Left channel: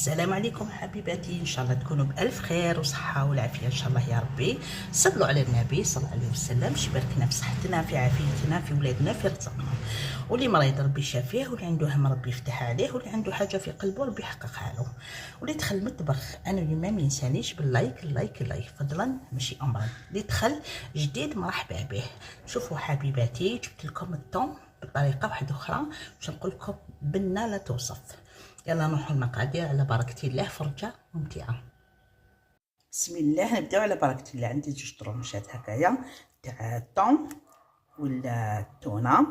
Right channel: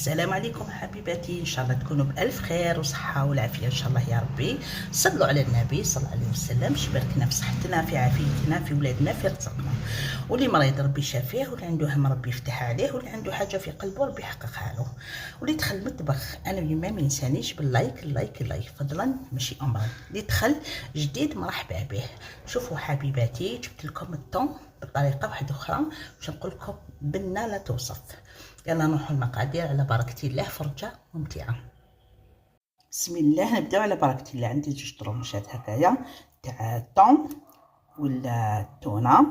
السلام عليكم حبيباتي، ان شاء الله تكونوا بالف خير وصحه والعافيه ان شاء الله يا ربي. صلوا على النبي صلى الله عليه وسلم، شباركنا في صحتنا في عافيتنا في ولادنا في رزقنا. واللي مريض ربي شافيه، واللي عنده هم ربي يفتح عليه، واللي عنده حاجه في قلبه ربي يحققها له. واللي دخل المطبخ انا اليوم ما ينسانيش باللايك اللايك فضلا ماشي امرا. اللي دخل جديد مرحبا به. شوفوا حبيباتي، جبت لكم الطون بطريقه واحده اخرى باش نقول لكم بنه لا توصف. يلا نروحوا المقادير على بركه الله، فرجه ممتعه. بسم الله، نبداو على بركه الله. عندي جوج طرونشات هكايا تاع الطون ولا التونه،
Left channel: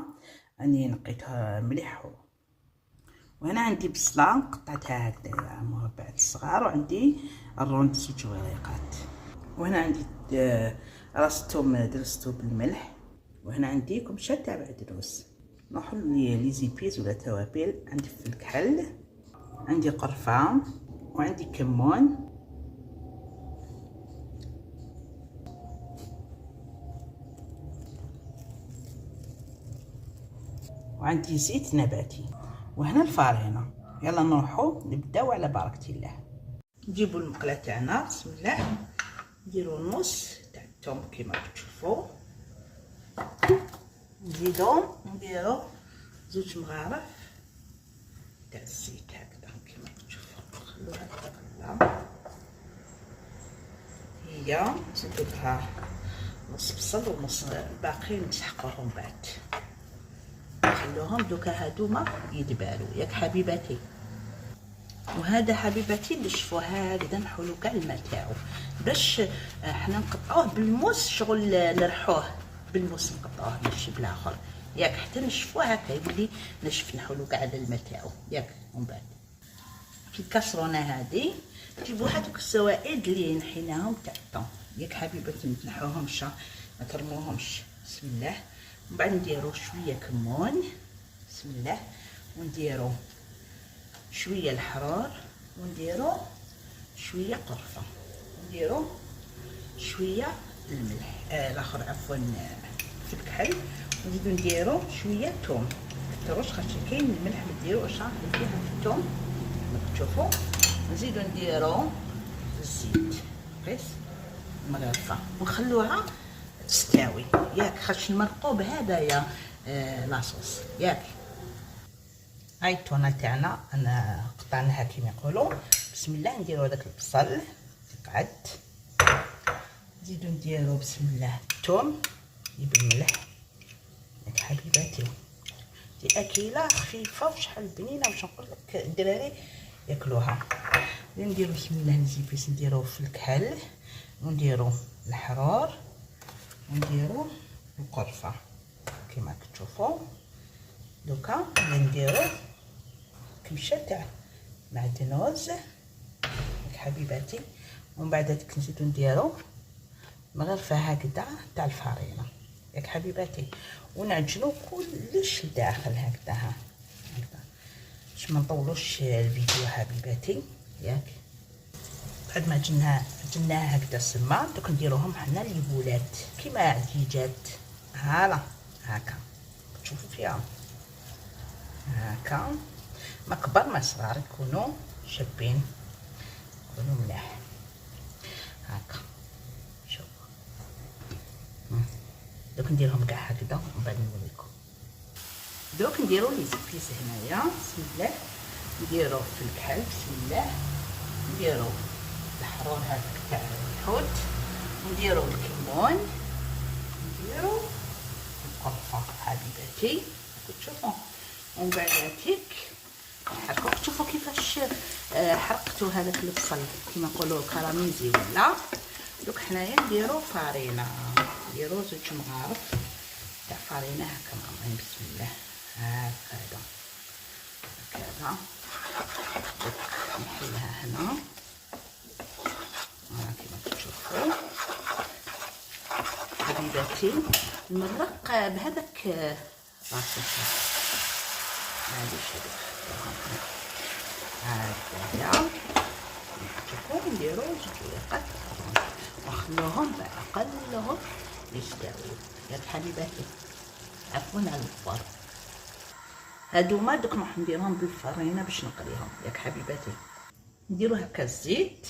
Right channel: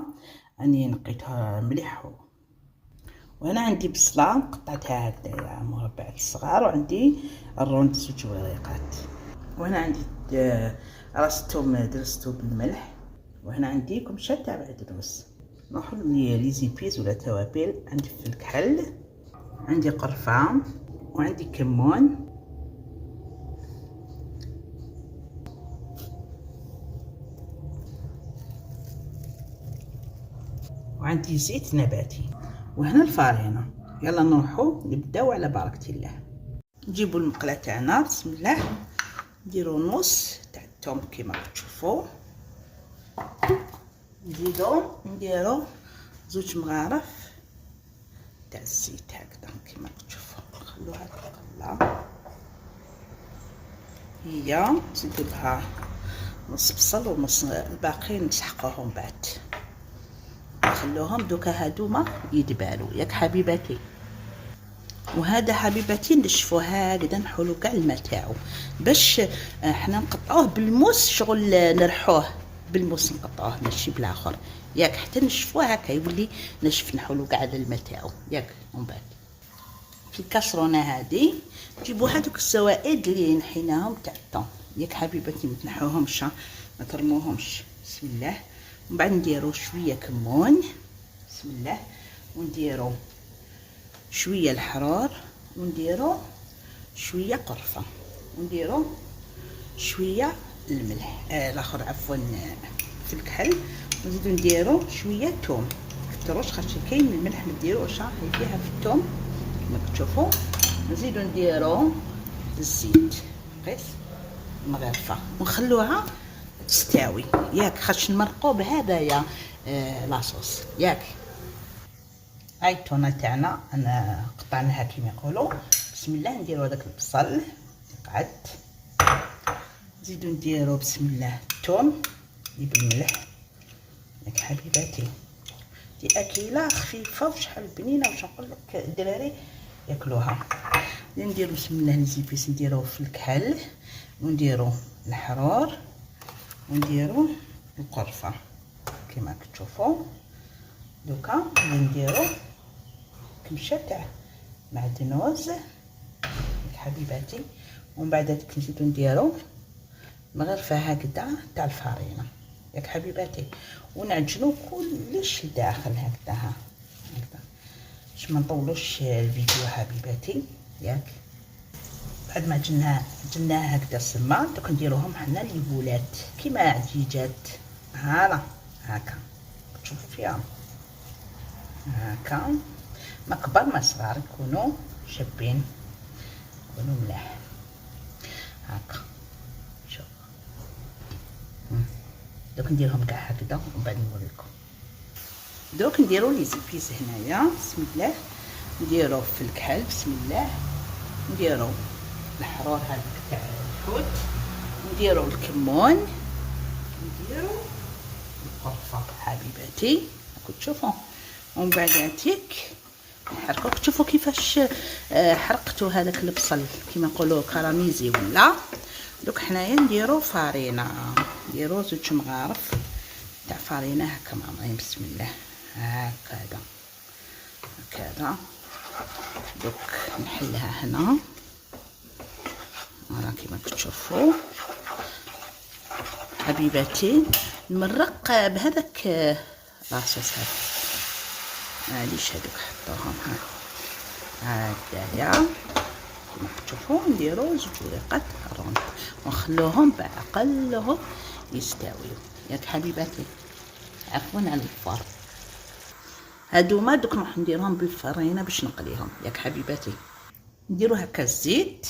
راني نقيتها مليح. وهنا عندي بصله قطعتها هكذايا مربعات الصغار، وعندي الروند زوج وريقات. وهنا عندي راس الثوم درستو بالملح. وهنا عندي كمشه تاع بعدروس. نروحوا لي زيبيز ولا توابل. عندي فلفل كحل، عندي قرفة، وعندي كمون، وعندي زيت نباتي، وهنا الفارينة. يلا نروحو نبداو على بركة الله. نجيبو المقلة تاعنا بسم الله، نديرو نص تاع الثوم كيما تشوفوا، نديرو زوج مغارف تاع الزيت هكذا كيما تشوفوا. نخلوها تغلى، هي نزيدو لها نص بصل ونص الباقي نسحقوهم بعد، نخلوهم دوكا هادوما يدبالو ياك حبيباتي. وهذا حبيباتي نشفوه هكذا، نحولو كاع الماء تاعو باش حنا نقطعوه بالموس، شغل نرحوه بالموس نقطعوه ماشي بالاخر ياك، حتى نشفوه هكا يولي نشف، نحولو كاع على الماء تاعو ياك. ومن بعد في الكاسرونه هذه نجيبو هذوك السوائد اللي نحيناهم تاع الطون ياك حبيباتي، ما تنحوهمش ما ترموهمش. بسم الله. ومن بعد نديرو شويه كمون بسم الله، ونديرو شويه الحرار، ونديرو شويه قرفه، ونديرو شويه الملح الاخر عفوا في الكحل، ونزيدو نديرو شويه توم. كتروش خاطر كاين الملح ما ديروش فيها في الثوم كما تشوفوا. نزيدو نديرو الزيت قيس مغرفه، ونخلوها تستوي ياك، خاطش نمرقو بهذايا لاصوص ياك. هاي التونه تاعنا انا قطعناها كيما يقولوا. بسم الله، نديرو هذاك البصل قعد، نزيدو نديرو بسم الله الثوم بالملح ياك حبيباتي. دي اكله خفيفه وشحال بنينه، واش نقول لك الدراري ياكلوها. نديرو بسم الله الزيبيس، نديرو في الكحل، ونديرو الحرار، ونديرو القرفه كما كتشوفوا. دوكا نديرو كمشه تاع معدنوس ياك حبيباتي. ومن بعد هذيك نزيدو نديرو مغرفه هكذا تاع الفارينه ياك حبيباتي، ونعجنو كلش داخل هكذا هكذا باش ما نطولوش الفيديو حبيباتي ياك. بعد ما عجناها هكذا سما، دوك نديروهم حنا ليبولات كيما عديجات هالا هكا تشوفوا فيها هكا، ما كبر ما صغار، يكونوا شابين يكونوا ملاح هكا. شوف دوك نديرهم كاع هكذا ومن بعد نوريكم. دوك نديرو لي زيبيس هنايا بسم الله، نديرو في الكحل بسم الله، نديرو الحرور هذاك تاع الحوت، نديرو الكمون، نديرو القرفه حبيباتي راكم تشوفوا. ومن بعد هاتيك نحرقو، تشوفوا كيفاش حرقتو هذاك البصل كيما نقولوا كراميزي ولا. دوك حنايا نديرو فارينه، نديرو زوج مغارف تاع فارينه هكا معمرين بسم الله هكذا هكذا. دوك نحلها هنا كيما كتشوفوا حبيباتي. نمرق بهذاك لاصوص معليش هذوك حطوهم هكذايا كيما كتشوفوا. نديرو زوج ورقات ونخلوهم بعقلهم يستويو ياك حبيباتي. عفوا على الفار. هادوما دوك نروح نديرهم بالفرينه باش نقليهم ياك حبيباتي. نديرو هكا الزيت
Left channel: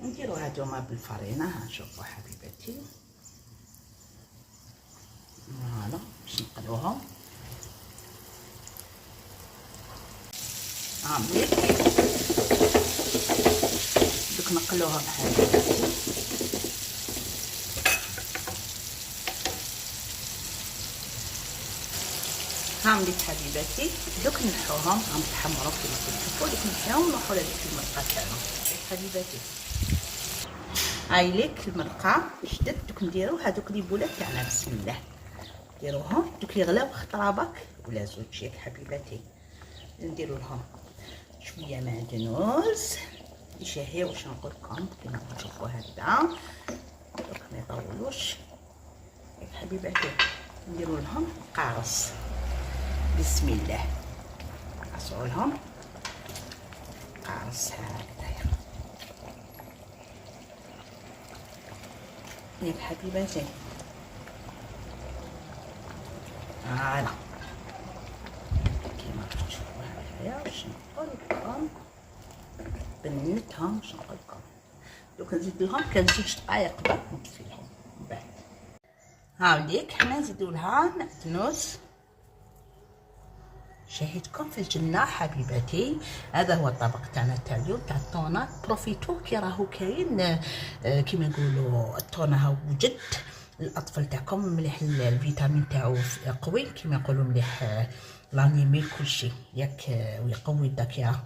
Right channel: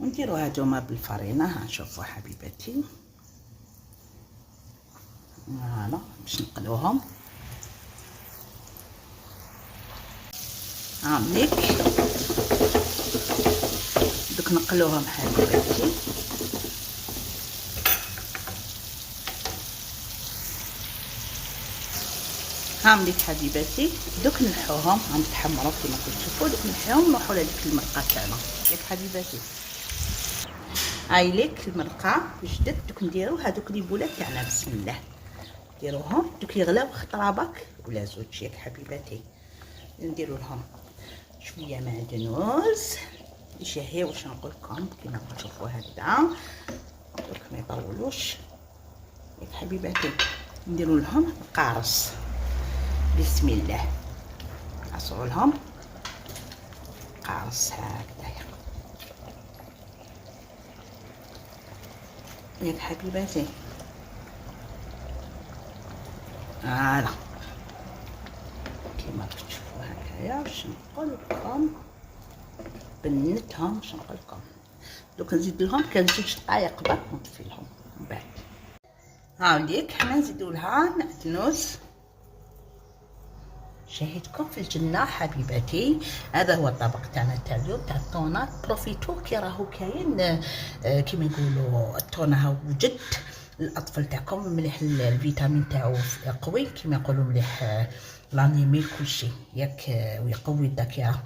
ونديرو هادوما بالفرينه. ها شوفوا حبيباتي، فوالا باش نقلوهم. مليك دوك نقلوهم حبيباتي. مليك حبيباتي دوك نحوهم، تحمروا كيما كتشوفوا. دوك نحيوهم نروحوا لهاديك المرقه تاعنا ياك حبيباتي. هاي ليك المرقه واش درت. دوك نديرو هادوك لي بولات تاعنا، بسم الله نديروهم. دوك يغلاو خطرابك ولا زوج ياك حبيباتي. نديرو لهم شويه معدنوس يشهي واش نقول لكم كيما كتشوفوا هكذا، برك ما يطولوش ياك حبيباتي. نديرو لهم قارص، بسم الله نعصروا لهم قارص هكذايا ياك حبيباتي. فوالا كيما تشوفوا هكايا. واش نقول لكم بنتهم، واش نقول لكم دوك نزيد لهم كان 2 دقائق برك ونطفي لهم من بعد. هاوليك حنا نزيدو لها معدنوس. شاهدكم في الجنة حبيباتي. هذا هو الطبق تاعنا تاع اليوم تاع الطونات. بروفيتو كي راهو كاين كيما نقولوا الطونه ها وجد الاطفال تاعكم مليح، الفيتامين تاعو قوي كيما يقولوا، مليح لانيمي كلشي ياك، ويقوي الذاكره.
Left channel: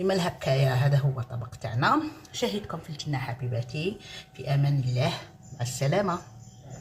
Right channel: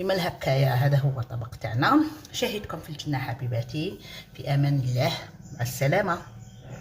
إما هكايا. هذا هو الطبق تاعنا. شاهدكم في الجنة حبيباتي، في امان الله، مع السلامه.